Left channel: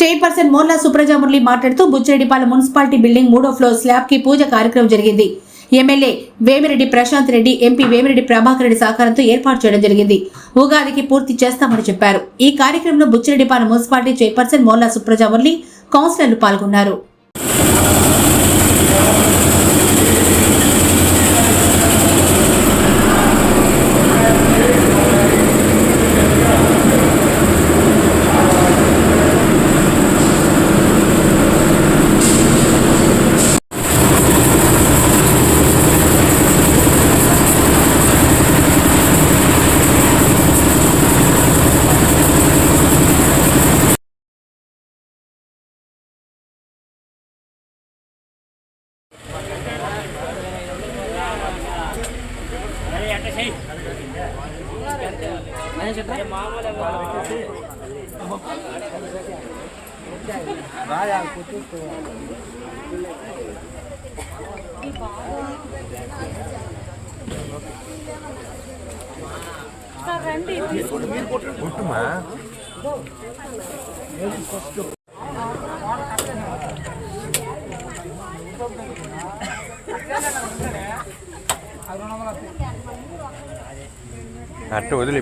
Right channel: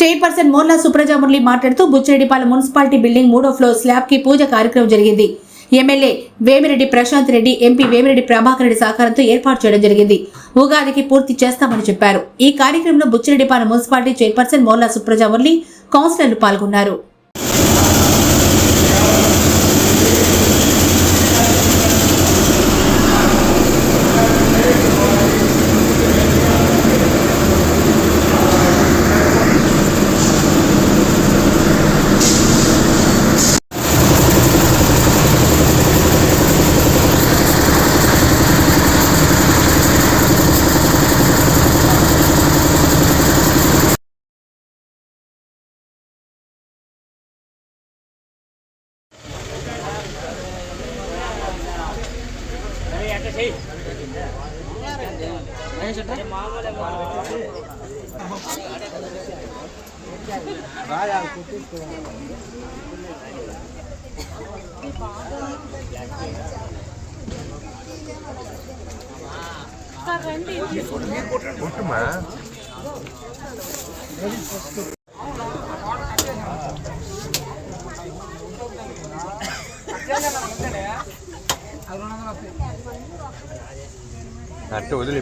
Chairperson Morla Supraja Murali మాట్లాడుతూ Buchireddypalem municipality building 3వ floor slab కి పూజ కార్యక్రమం జరిగింది. ఎమ్మెల్యే వేమిరెడ్డి ప్రశాంత్ రెడ్డి, ఎంపీ వేమిరెడ్డి ప్రభాకర్ రెడ్డి సహకారంతో ఏర్పాటు చేయడం జరిగింది. ఉగాదికి పూర్తి చేస్తామని చెప్పారు. ఈ కార్యక్రమంలో బుచ్చిరెడ్డిపాలెం మున్సిపాలిటీ చైర్పర్సన్ మోర్లా సుప్రజా మురళి, కౌన్సిలర్లు పాల్గొన్నారు. అట్టు వదిలే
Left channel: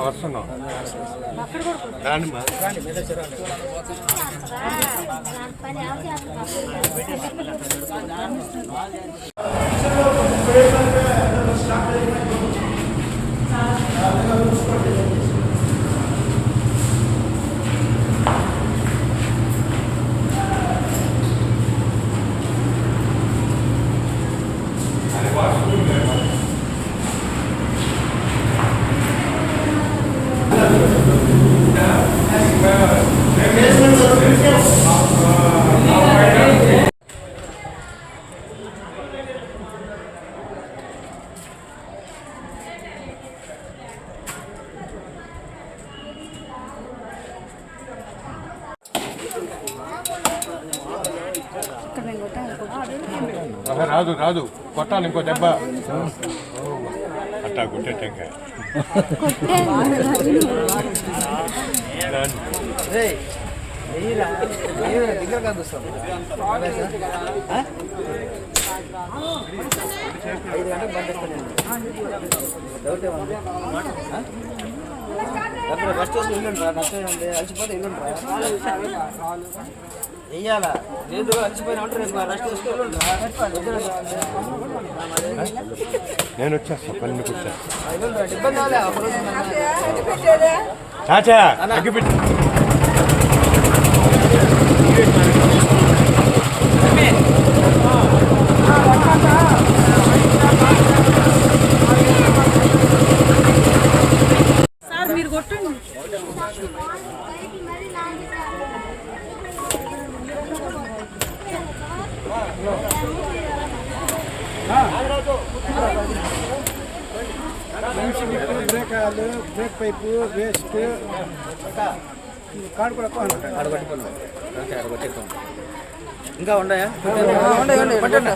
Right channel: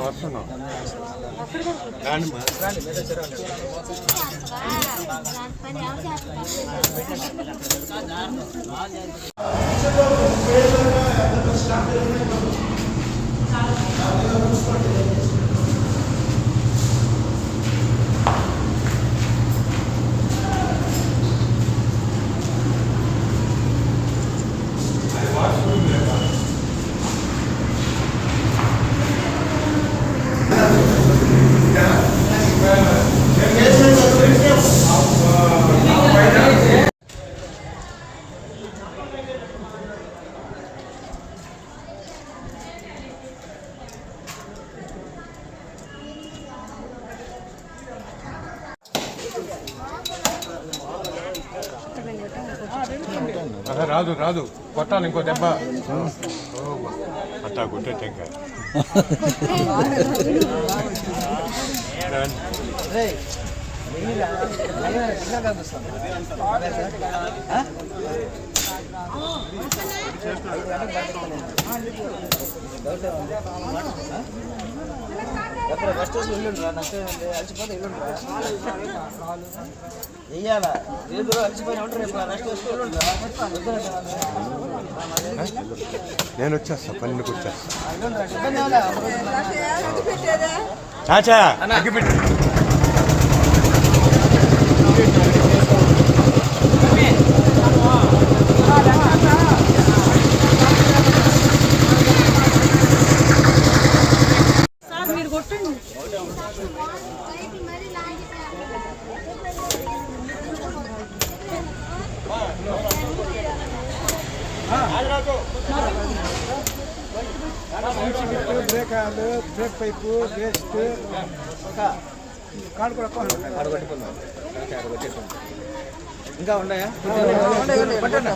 వస్తున్నాం రాదు రాదు కొట్టాలి ఇంకో దెబ్బ అట్టా కొట్టేటంగా నేను వచ్చేస్తా పన్నెండుకి వచ్చేస్తా చాచా అగ్గిపెట్టి బ్రేక్ పైపు వేస్ట్ కాడు కూడా ఇంకా ఉన్నాయా అడగండి పట్టండి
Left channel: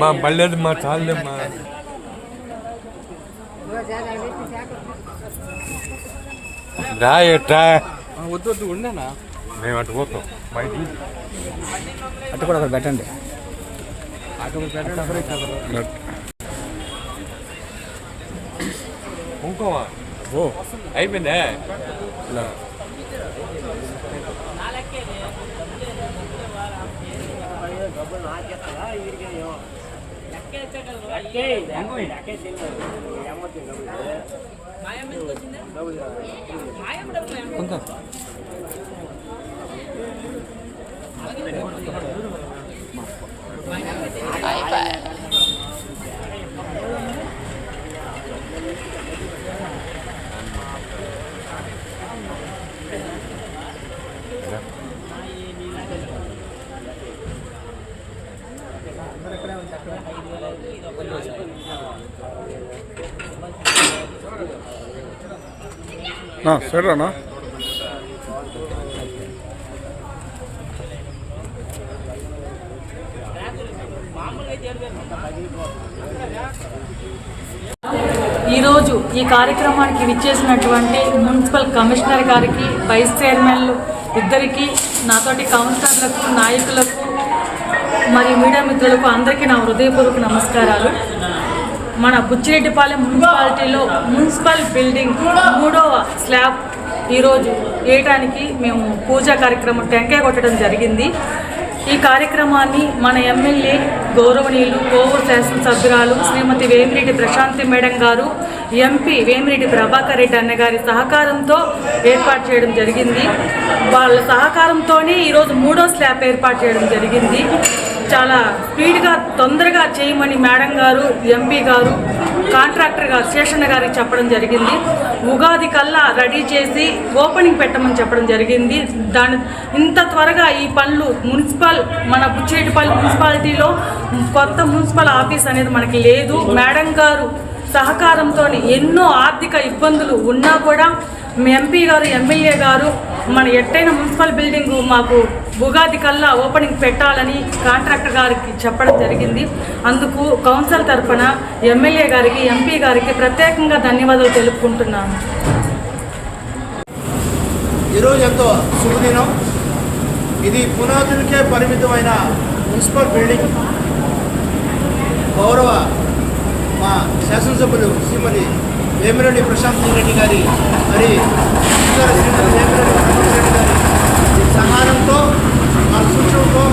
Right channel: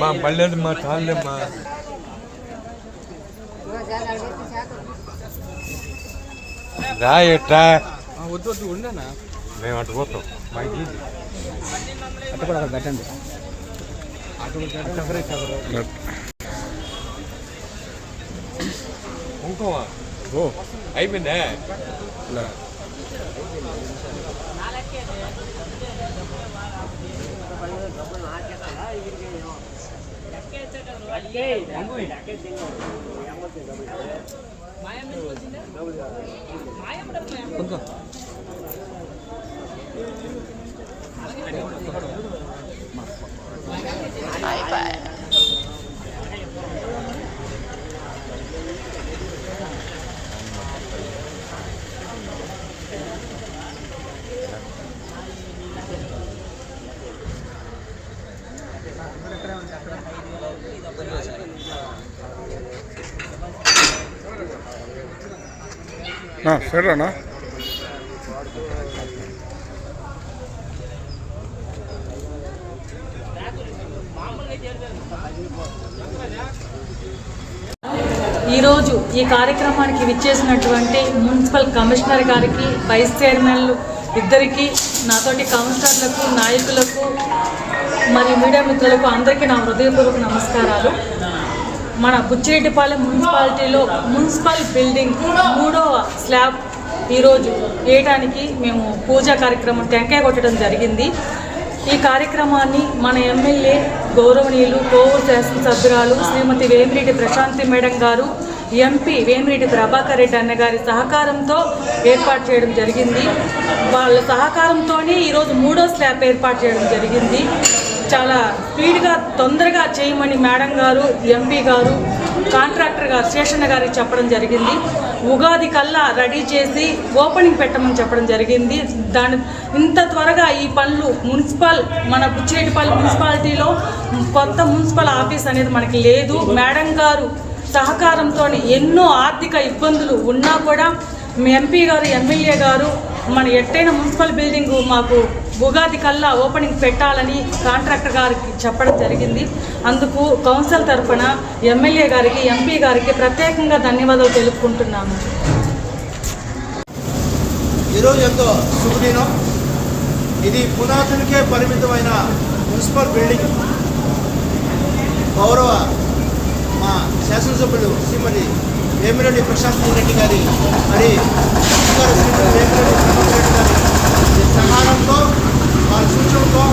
మా మళ్ళీ మా చాలేమ్మా రాయట్రా వద్దు ఉండేనా మేము అటు పోతాం మా ఇంటి అట్టు కూడా పెట్టండి ఇంకోవా ఓ అయిపోయిందా సరేనా ఈరోజు ఈ కార్యక్రమానికి విచ్చేసినటువంటి మున్సిపల్ కమిషనర్ గారికి, వైస్ చైర్మన్లు ఇద్దరికి, నాతోటి కౌన్సిలర్లకు, నాయకులకు మరియు మీడియా మిత్రులకు అందరికీ నా హృదయపూర్వక నమస్కారాలు. మన బుచ్చిరెడ్డిపాలెం మున్సిపాలిటీలో మున్సిపల్ బిల్డింగ్ 3వ స్లాబ్ ఈరోజు వేయడానికి మేము పూజా కార్యక్రమం టెంకాయ కొట్టడం జరిగింది. ఈ కార్యక్రమాన్ని మన ఎమ్మెల్యే గౌరవనీయులు కోవూరు శాసనసభ్యురాలు శ్రీమతి వేమిరెడ్డి ప్రశాంతి మేడం గారు, ఎంపీ వేమిరెడ్డి ప్రభాకర్ రెడ్డి అన్నగారి సహకారంతో ఏర్పాటు చేయడం జరిగింది. వాళ్ళ సహకారంతోనే ఈరోజు 3వ స్లాబ్ ఏర్పాటు చేయడం జరిగింది. చాలా స్పీడ్గా తొందరగా చేయమని మేడం గారు, ఎంపీ గారు, కాంట్రాక్టర్ గారు శేషన్న గారికి చెప్పడం జరిగింది. ఉగాది కల్లా రెడీ చేసి ఓపెనింగ్ పెట్టమని చెప్పడం జరిగింది. ఇంత త్వరగా ఈ పనులు మన బుచ్చిరెడ్డిపాలెం మున్సిపాలిటీలో కొత్త మున్సిపల్ ఆఫీస్ అనేది మనకి లేదు. మేడం గారు సహకారంతో ఎన్నో ఆర్థిక ఇబ్బందులు ఉన్నా కూడా ఎంపీ గారు, ఎమ్మెల్యే గారు మన ఎట్టైన మున్సిపల్ బిల్డింగు మాకు ఉగాది కల్లా ఓపెనింగ్ పెట్టాలని కాంట్రాక్టర్ గారికి చెప్పడం జరిగింది. అందుకు కౌన్సిల్ తరఫున ఎమ్మెల్యే గారికి, ఎంపీ గారికి ప్రత్యేకంగా ధన్యవాదాలు తెలుపుకుంటున్నాను. ఈరోజు ఎంతో శుభదినం. ఇది పునాదులకే పరిమితమైన మున్సిపల్ బిల్డింగ్ గౌరవ మా శాసనసభ్యులు శ్రీమతి వేమిరెడ్డి ప్రశాంత్ రెడ్డి గారి శ్రీమతి వేమిరెడ్డి ప్రభాకర్ రెడ్డి గారి సహాయంతో వాళ్ళ సూచనతో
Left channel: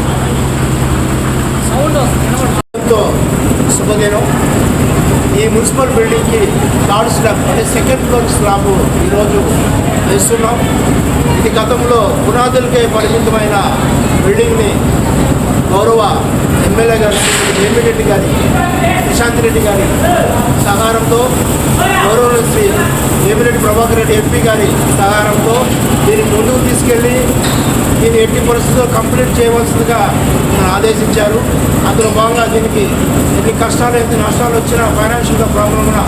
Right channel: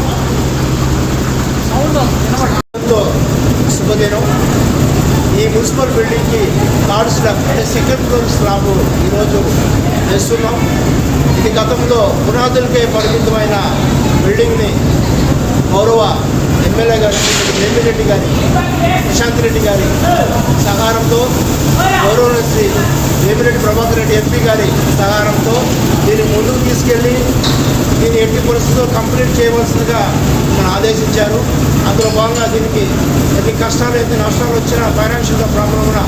సౌండ్తో శుభదినం. ఈ మున్సిపల్ బిల్డింగ్కి థర్డ్ స్లాబ్ అంటే సెకండ్ ఫ్లోర్ స్లాబ్ ఈరోజు వేస్తున్నాం. ఇది గతంలో పునాదులకే పరిమితమైన బిల్డింగ్ని గౌరవ ఎమ్మెల్యే గారు వేమిరెడ్డి గారి ప్రశాంత్ రెడ్డి గారి సహకారంతో, గౌరవ శ్రీ వేమిరెడ్డి ప్రభాకర్ రెడ్డి ఎంపీ గారి సహకారంతో దీన్ని ముందుకు తీసుకెళ్ళి దీన్ని ఎట్టి పరిస్థితుల్లో కంప్లీట్ చేయవలసిందిగా మనం ఆదేశించారు. అందులో భాగంగా దీనికి ఎన్ని కష్టాలు, ఎన్ని నష్టాలు వచ్చినా, ఫైనాన్షియల్గా ప్రాబ్లం ఉన్నా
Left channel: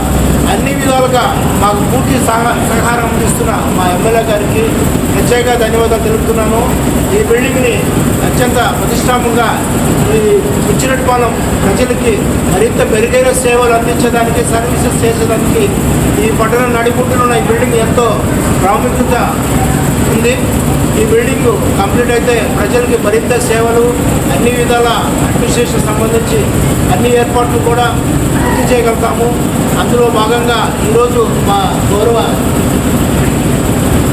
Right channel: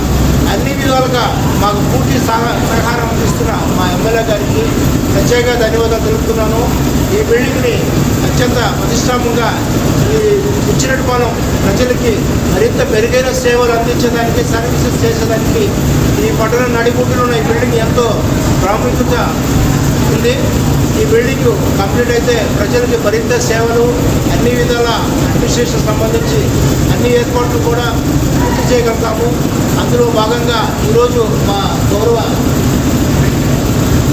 అన్ని విధాలుగా మాకు పూర్తి సహకారం అందిస్తున్న మా ఎమ్మెల్యే గారికి ప్రత్యేక ధన్యవాదాలు తెలుపుతున్నాను. ఈ బిల్డింగ్ని అత్యంత ప్రతిష్టాత్మకంగా ఈ బుచ్చిరెడ్డిపాలెం ప్రజలకి మరింత మెరుగైన సేవలు అందించడానికి, సర్వీసెస్ చేసేదానికి ఈ పట్టణ నడిబొడ్డులో ఈ బిల్డింగ్ ఎంతో ప్రాముఖ్యత ఉంది. ఈ బిల్డింగ్ కంప్లీట్ అయితే ప్రజలకి మరింత సేవలు, అన్ని విధాల అడ్మినిస్ట్రేషన్ సంబంధించి అన్ని ఏర్పాట్లు కూడా పూర్తి చేయగలుగుతాము. అందులో భాగంగా ఈరోజు మా గౌరవ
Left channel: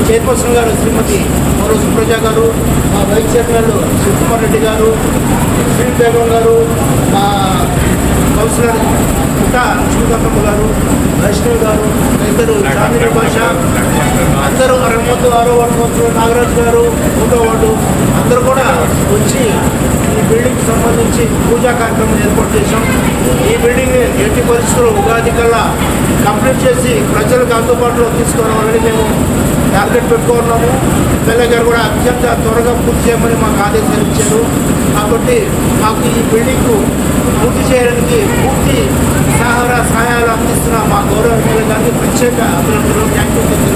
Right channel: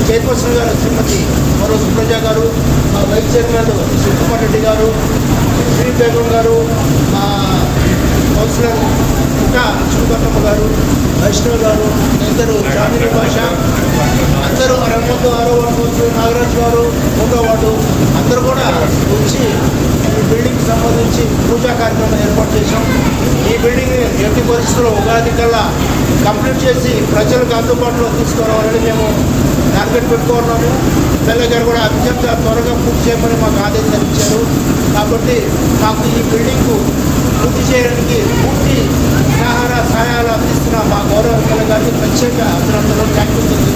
చైర్పర్సన్ గారు శ్రీమతి గౌరవ సుప్రజ గారు, మా వైస్ చైర్మన్ శివకుమార్ రెడ్డి గారు, శ్రీ బేగం గారు, మా కౌన్సిలర్ ఇంకా లక్ష్మీకాంతమ్మ గారు, వైష్ణవ్ గారు, ఇద్దరు చాందిని భాష, అందరూ 6వ వార్డు నాగరాజు గారు 1వ వార్డు అందరూ కూడా వచ్చి ఈ బిల్డింగ్కి సంబంధించి పూజా కార్యక్రమం ఏర్పాటు చేశాం. ఈ బిల్డింగ్ ఎట్టి పరిస్థితుల్లో ఉగాది కల్లా కంప్లీట్ చేసి ప్రజలకు అందుబాటులో తీసుకురావాలని మేము టార్గెట్ పెట్టుకున్నాము. ఎమ్మెల్యే గారు కూడా అత్యంత త్వరగా పూర్తి చేయమని మాకు ఆదేశాలు ఇచ్చారు. కాబట్టి మాకు ఈ బిల్డింగ్ పూర్తి చేయడానికి పూర్తి సహాయాలు అందిస్తున్న మా గౌరవ ఎమ్మెల్యే గారికి ప్రత్యేక అభినందనలు, థ్యాంక్ యూ.